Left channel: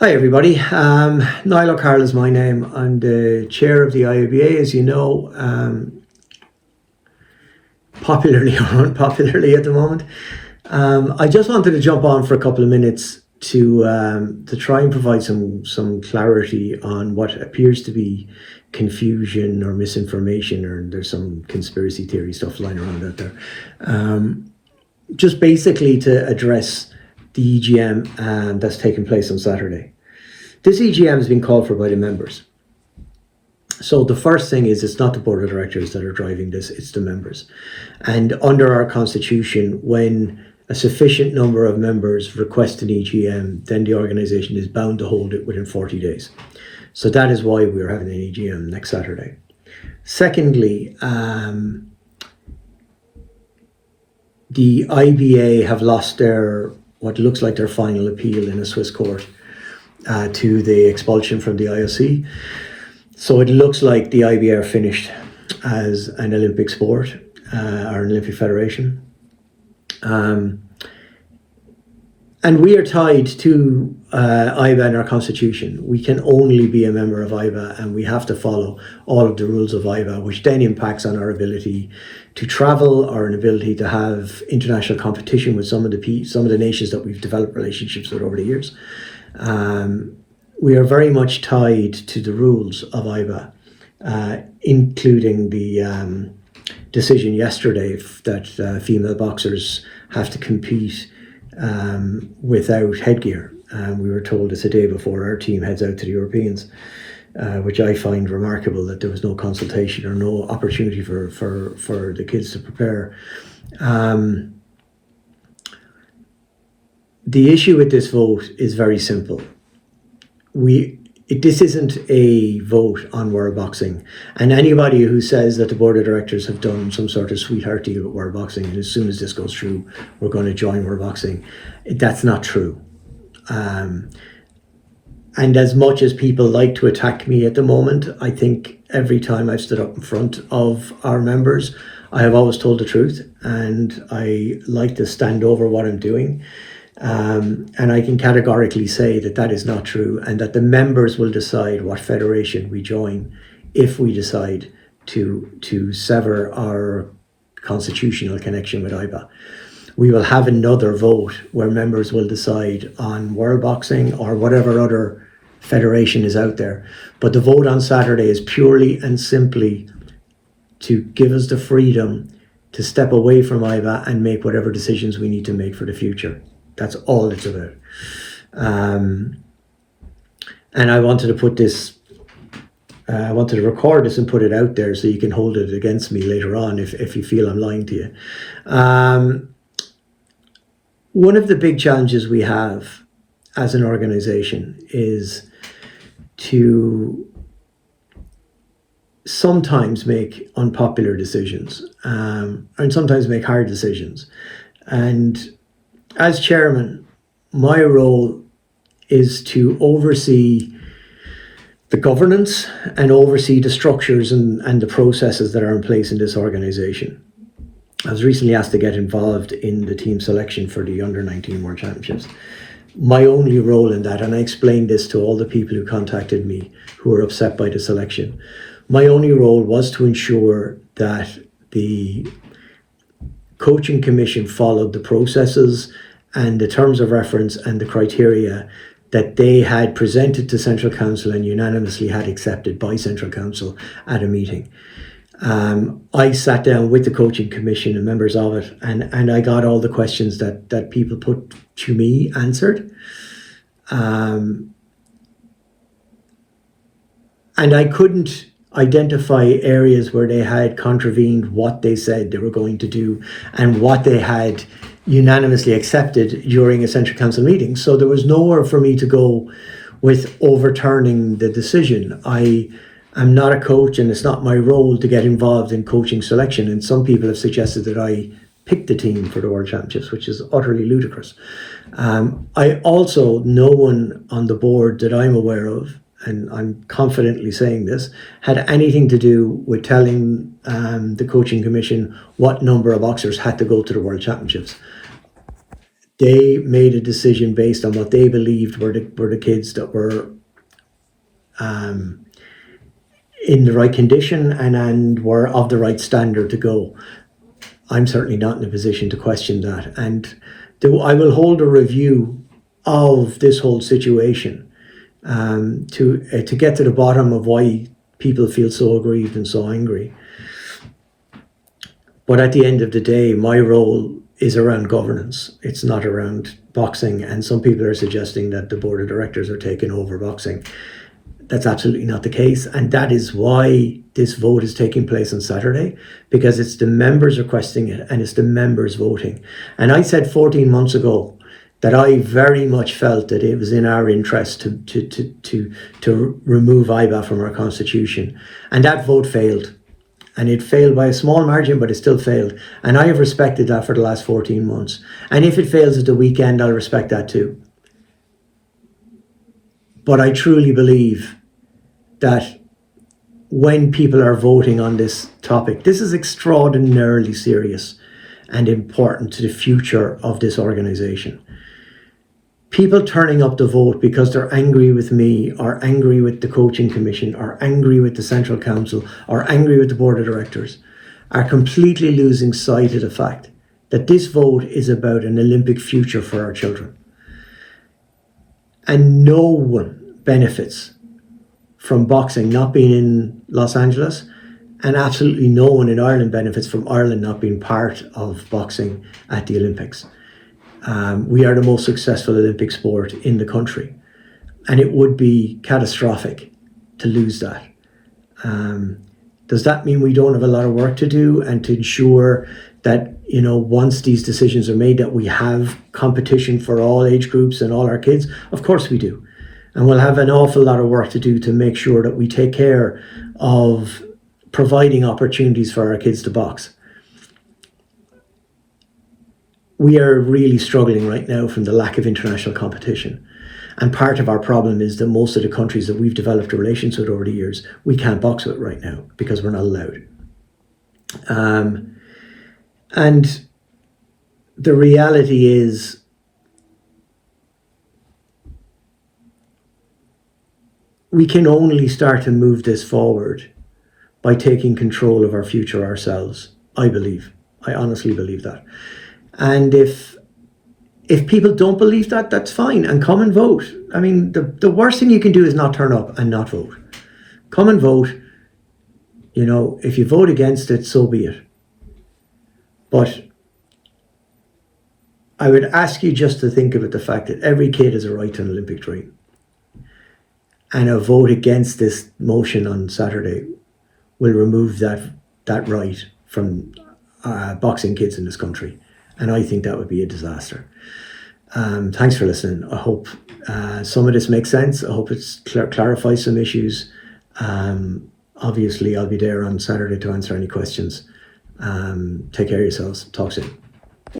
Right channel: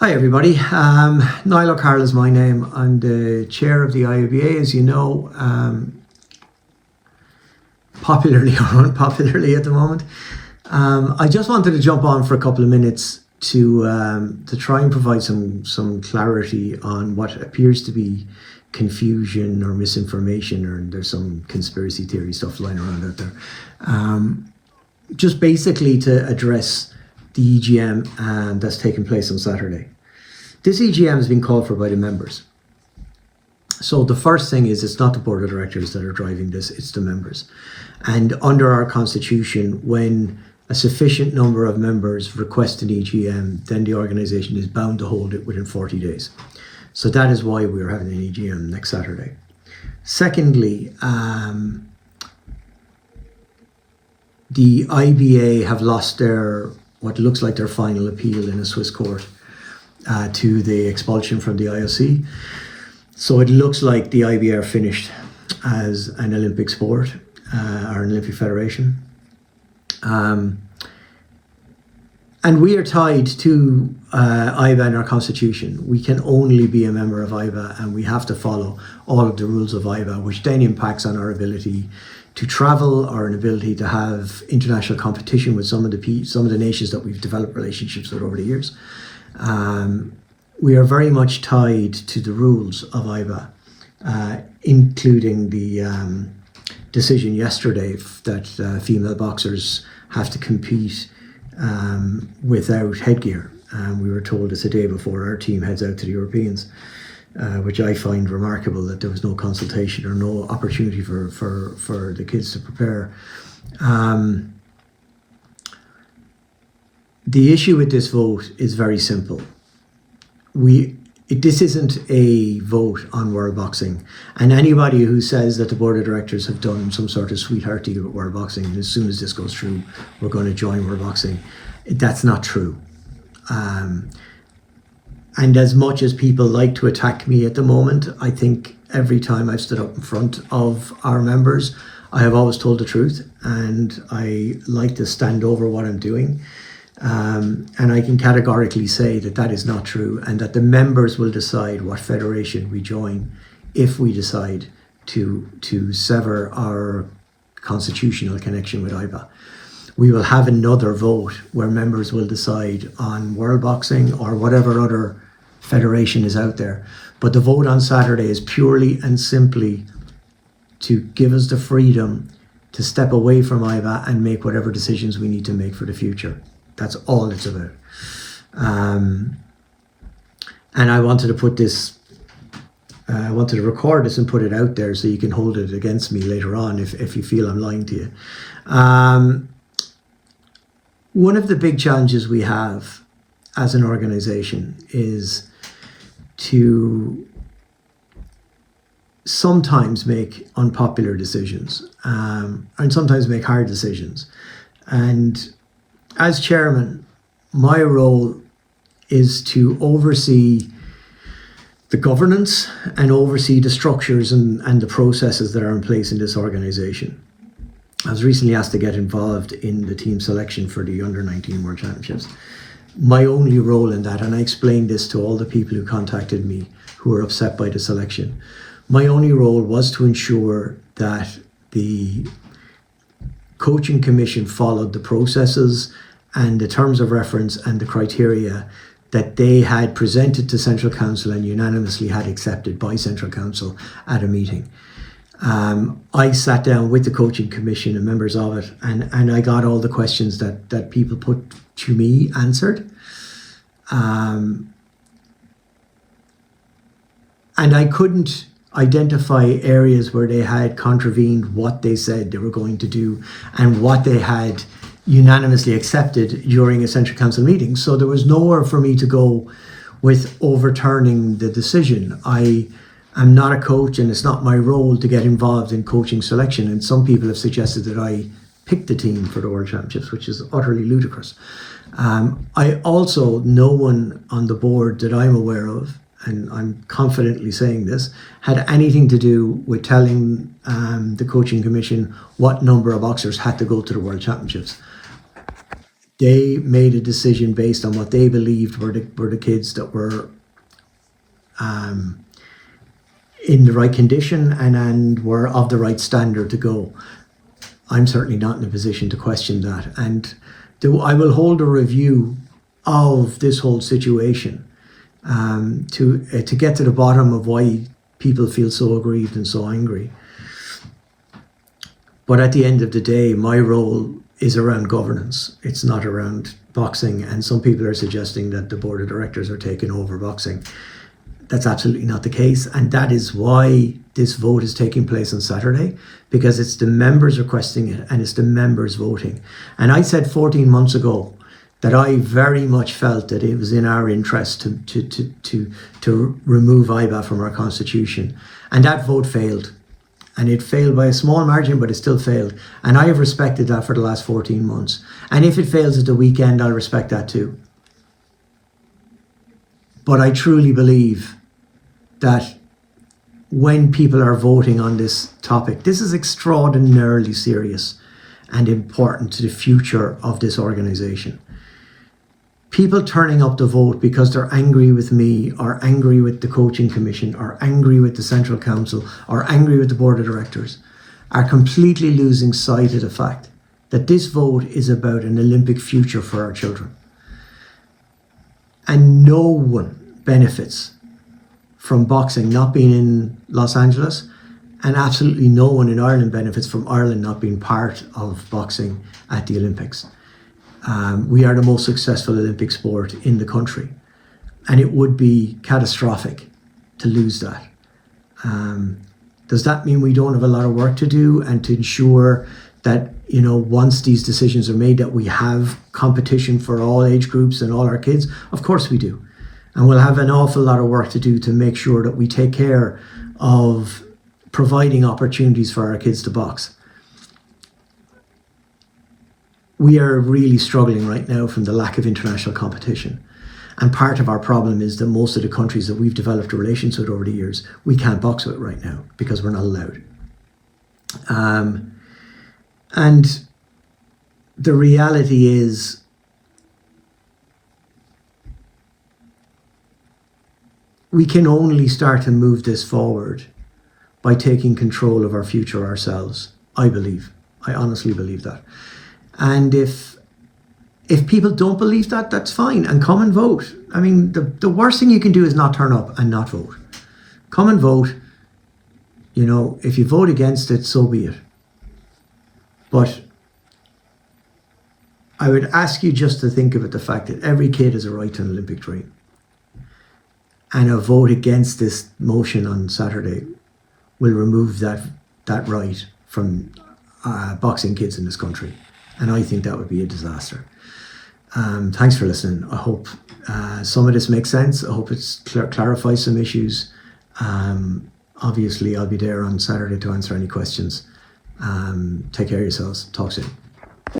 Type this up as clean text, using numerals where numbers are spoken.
Hi everybody, Niall O'Carroll is my name. I'm the chair of the IABA, as you know, popularly or unpopularly at the moment. I just wanted to jump on for a couple of minutes to try and provide some clarity on what appears to be confusion or misinformation, or there's some conspiracy theory stuff lying around out there. Just basically to address the EGM that's taking place on Saturday. This EGM has been called for by the members. So the first thing is, it's not the board of directors that are driving this, it's the members. And under our constitution, when a sufficient number of members request an EGM, then the organisation is bound to hold it within 40 days. So that is why we're having an EGM next Saturday. Secondly, the IBA have lost what looks like their final appeal in a Swiss court to the expulsion from the IOC. So it looks like the IBA are finished as an Olympic sport or an Olympic federation. And we are tied to IABA in our constitution. We can only be a member of IABA, and we have to follow all of the rules of IABA, which then impacts on our ability to travel, or an ability to have international competition with some of the nations that we've developed relationships with over the years. We are very much tied to the rules of IABA, including the decision yesterday that female boxers have to compete without headgear. We were told this a day before our team heads out to the Europeans, which I find remarkable, that there was no consultation or no opportunity for the kids to prepare. The issue with this vote is very simple. This isn't a vote on world boxing, and anybody who says that the board of directors have done some sort of sweetheart deal with world boxing, and as soon as this goes through, we're going to join world boxing, that's not true. And as much as people like to attack me at the moment, I think every time I've stood up in front of our members, I have always told the truth, and I like to stand over what I'm doing. And I can categorically say that is not true, and that the members will decide what federation we join if we decide to sever our constitutional connection with IABA. We will have another vote where members will decide on world boxing or whatever other federation is out there. But the vote on Saturday is purely and simply to give us the freedom to step away from IABA and make whatever decisions we need to make for the future. That's all it's about. And I wanted to put this, I wanted to record this and put it out there so you can hold it against me later on if you feel I'm lying to you. One of the big challenges we have as an organization is to sometimes make unpopular decisions, and sometimes make hard decisions. And as chairman, my role is to oversee the governance and oversee the structures and the processes that are in place in this organization. I was recently asked to get involved in the team selection for the Under-19 World Championships. My only role in that, and I explained this to all the people who contacted me who were upset by the selection, my only role was to ensure that the coaching commission followed the processes and the terms of reference and the criteria that they had presented to Central Council and unanimously had accepted by Central Council at a meeting. I sat down with the coaching commission and members of it, and I got all the questions that people put to me answered. And I couldn't identify areas where they had contravened what they said they were going to do and what they had unanimously accepted during a Central Council meeting. So there was nowhere for me to go with overturning the decision. I'm not a coach, and it's not my role to get involved in coaching selection. And some people have suggested that I picked the team for the World Championships, which is utterly ludicrous. I also, no one on the board that I'm aware of, and I'm confidently saying this, had anything to do with telling the coaching commission what number of boxers had to go to the World Championships. they made a decision based on what they believed were the kids that were in the right condition and were of the right standard to go. I'm certainly not in a position to question that. And I will hold a review of this whole situation to get to the bottom of why people feel so aggrieved and so angry. But at the end of the day, my role is around governance. It's not around boxing. And some people are suggesting that the board of directors are taking over boxing. That's absolutely not the case. And that is why this vote is taking place on Saturday, because it's the members requesting it and it's the members voting. And I said 14 months ago that I very much felt that it was in our interest to remove IABA from our constitution. And that vote failed. And it failed by a small margin, but it still failed. And I have respected that for the last 14 months. And if it fails at the weekend, I'll respect that too. But I truly believe that when people are voting on this topic, this is extraordinarily serious and important to the future of this organisation. People turning up to vote because they're angry with me, or angry with the coaching commission, or angry with the central council, or angry with the board of directors, are completely losing sight of the fact that this vote is about an Olympic future for our children. And no one benefits from boxing not being in Los Angeles, and absolutely no one in Ireland benefits from Ireland not being part of boxing at the Olympics. We are the most successful Olympic sport in the country, and it would be catastrophic to lose that. Does that mean we don't have a lot of work to do, and to ensure that, you know, once these decisions are made, that we have competition for all age groups and all our kids? Of course we do. And we'll have an awful lot of work to do to make sure that we take care of providing opportunities for our kids to box. We are really struggling right now from the lack of international competition. And part of our problem is that most of the countries that we've developed relations with over the years, we can't box with right now because we're not allowed. And the reality is, we can only start to move this forward by taking control of our future ourselves, I believe. I honestly believe that. And if people don't believe that, that's fine, and come and vote. I mean, the worst thing you can do is not turn up and not vote. Come and vote. You know, if you vote against it, so be it. But I would ask you just to think about the fact that every kid has a right to an Olympic dream. And a vote against this motion on Saturday will remove that right from boxing kids in this country. And I think that would be a disaster. Thanks for listening. I hope some of this makes sense. I hope it clarifies some issues. Obviously, I'll be there on Saturday to answer any questions. Take care of yourselves. Talk soon.